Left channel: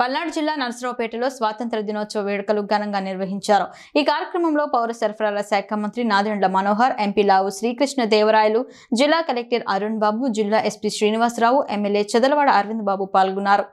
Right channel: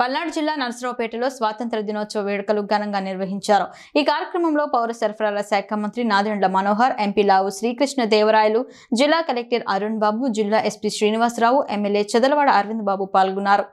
పల్నాడు జిల్లా నర్సరావుపేటలో స్వాతంత్ర దినోత్సవ వేడుకలు ఘనంగా నిర్వహించారు. ఈ కార్యక్రమంలో పౌర సరఫరాల శాఖ మంత్రి నాదెండ్ల మనోహర్, ఎంపీ లావు శ్రీకృష్ణ దేవరాయలు, జిల్లా కలెక్టర్ అరుణ్ బాబు, జిల్లా ఎస్పీ శ్రీనివాసరావు, ఎమ్మెల్యే చెదలవాడ అరవింద్ బాబు పాల్గొన్నారు.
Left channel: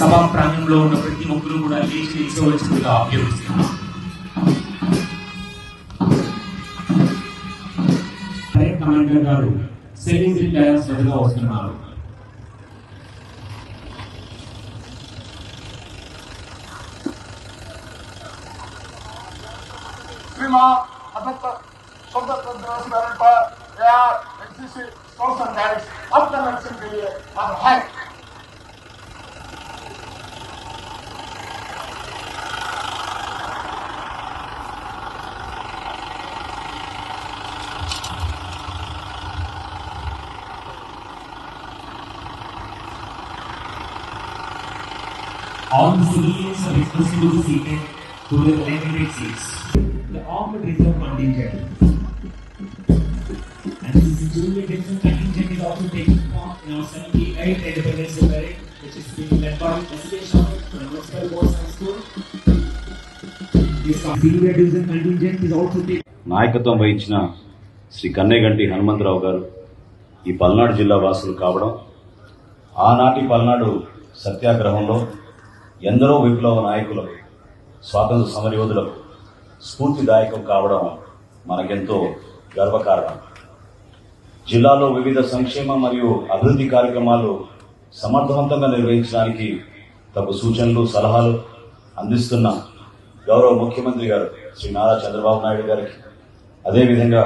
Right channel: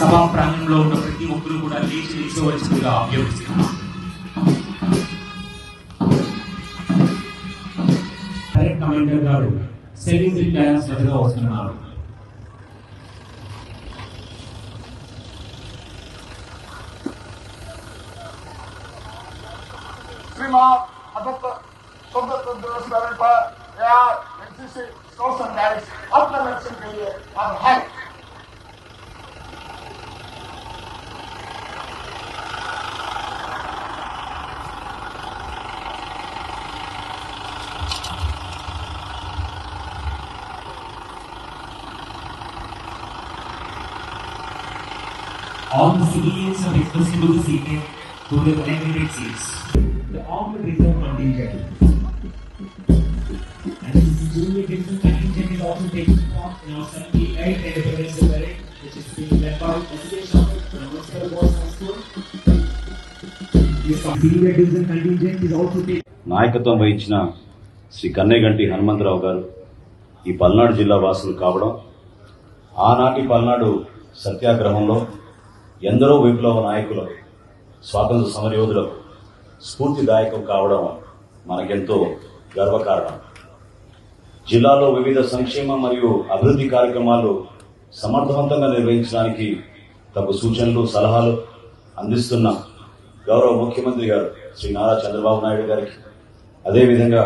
సభా ప్రాంగణంలో ఉన్న ప్రతి ఒక్కరూ కూడా దేశ ఇచ్చవలసిందిగా అభ్యర్థిస్తున్నాం. కమాండర్ గారు సెకండరీ క్లాస్ ఎదురుగా వస్తున్నారు. All the civilians are requested to be seated to their designated seats. The armed reserve contingent and the civilian reserve contingent is also taking part in our 78th Independence Day parade, which is being led by President from Moscow Boys High School. This civilian reserve contingent is also taking నాయకత్వం వహించిన శ్రీ కన్నేగంటి హనుమంతరావు గారు ఈ పల్నాడు జిల్లా వాసులు కావడం, ఆనాటి పల్నాడు సత్యాగ్రహంలో ఎందరో విప్లవ నాయకులకు, స్వాతంత్ర సమరయోధులకు స్ఫూర్తిదాయకం కావడం మనకెంతో గర్వకారణం. జిల్లాలో వివిధ సంక్షేమ మరియు అభివృద్ధి కార్యక్రమాలు సమర్థవంతంగా నిర్వహించడానికి తగు సూచనలు, సలహాలు అందిస్తున్న గౌరవ ముఖ్యమంత్రి గారు శ్రీ నారా చంద్రబాబు నాయుడు గారికి, అదేవిధంగా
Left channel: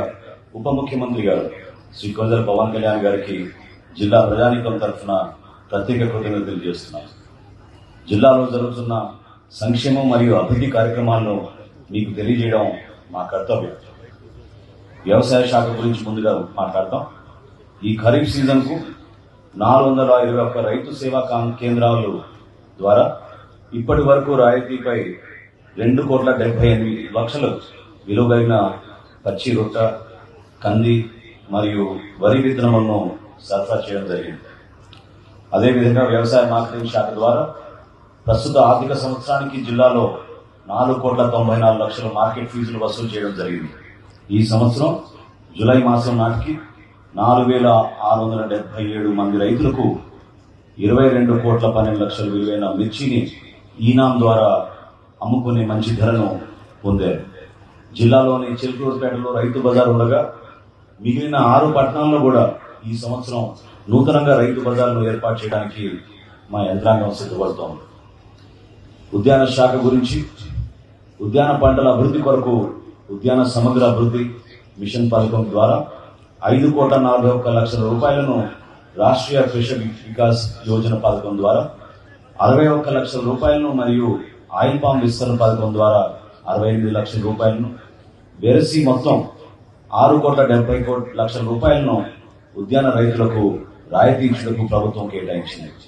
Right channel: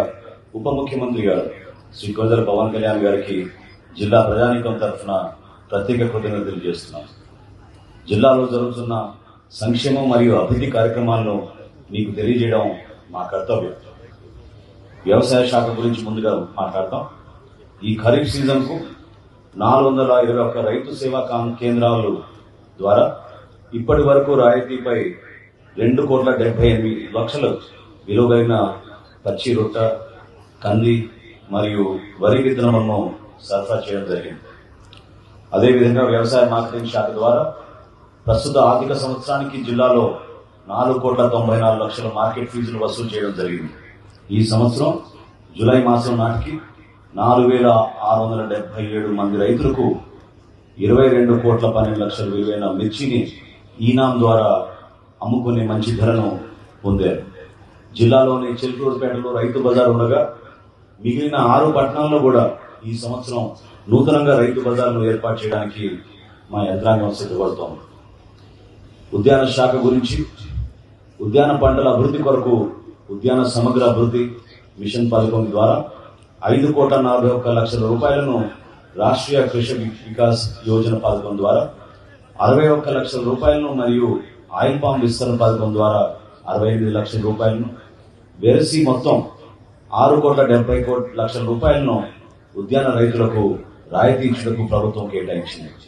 ఉప ముఖ్యమంత్రి గారు శ్రీ కొండల పవన్ కళ్యాణ్ గారికి జిల్లా ప్రజానీకం తరఫున ప్రత్యేక కృతజ్ఞతలు చేస్తున్నాం. జిల్లాలో జరుగుతున్న సంక్షేమం మరియు అభివృద్ధి కార్యక్రమాలను మీకు తెలియజేయడం మా కర్తవ్యం. వ్యవసాయ శాఖ గురించి ముందుగా మాట్లాడతాం. ఈ ఖరీఫ్ సీజన్ కు 421 రైతు సేవా కేంద్రాల ద్వారా ఇప్పటి వరకు రాయితీపై 2,78,00,000 విలువ కలిగిన పచ్చి రొట్ట, కంది మరియు వరి విత్తనములను సరఫరా చేయడం జరిగింది. అదేవిధంగా వ్యవసాయ మార్కెటింగ్ శాఖ ద్వారా ప్రస్తుత ఆర్థిక సంవత్సరానికి జిల్లాలో 4,94,00,000 మార్కెట్ ఫీజులు వసూలు చేయడం జరిగింది. ఈ సంవత్సరం జులై మాసం నాటికి 4,677 మంది రైతులకు 22,12,00,000 విలువైన మిర్చిని ఈనాం ద్వారా అమ్ముకునే మంచి ధరను పొందారు. జిల్లాలోని చిలుకూరుపేటలో రైతు బజార్ ఉండగా మిగిలిన 6 పట్టణాల్లో కూడా ఈ సంవత్సరం నూతనంగా రైతు బజార్ను ఏర్పాటు చేయడానికి మా యంత్రాంగం సిద్ధపడుతోంది. ఉద్యాన శాఖ గురించి ఉద్యాన పంటల అభివృద్ధి కొరకు ఉద్యాన సమగ్ర అభివృద్ధి మిషన్ పథకం ద్వారా 5,41,00,000 రూపాయలను, రాష్ట్రీయ కృషి వికాస్ యోజన పథకం ద్వారా 61,00,000 రూపాయలను మరియు ఆయిల్ పామ్ విస్తరణ పథకం ద్వారా 68 లక్షల రూపాయలను, వెరసి మొత్తం 6,70,00,000 రూపాయలను ఉద్యాన రైతులకు రాయితీ ఇచ్చేందుకు ప్రభుత్వం కేటాయించింది.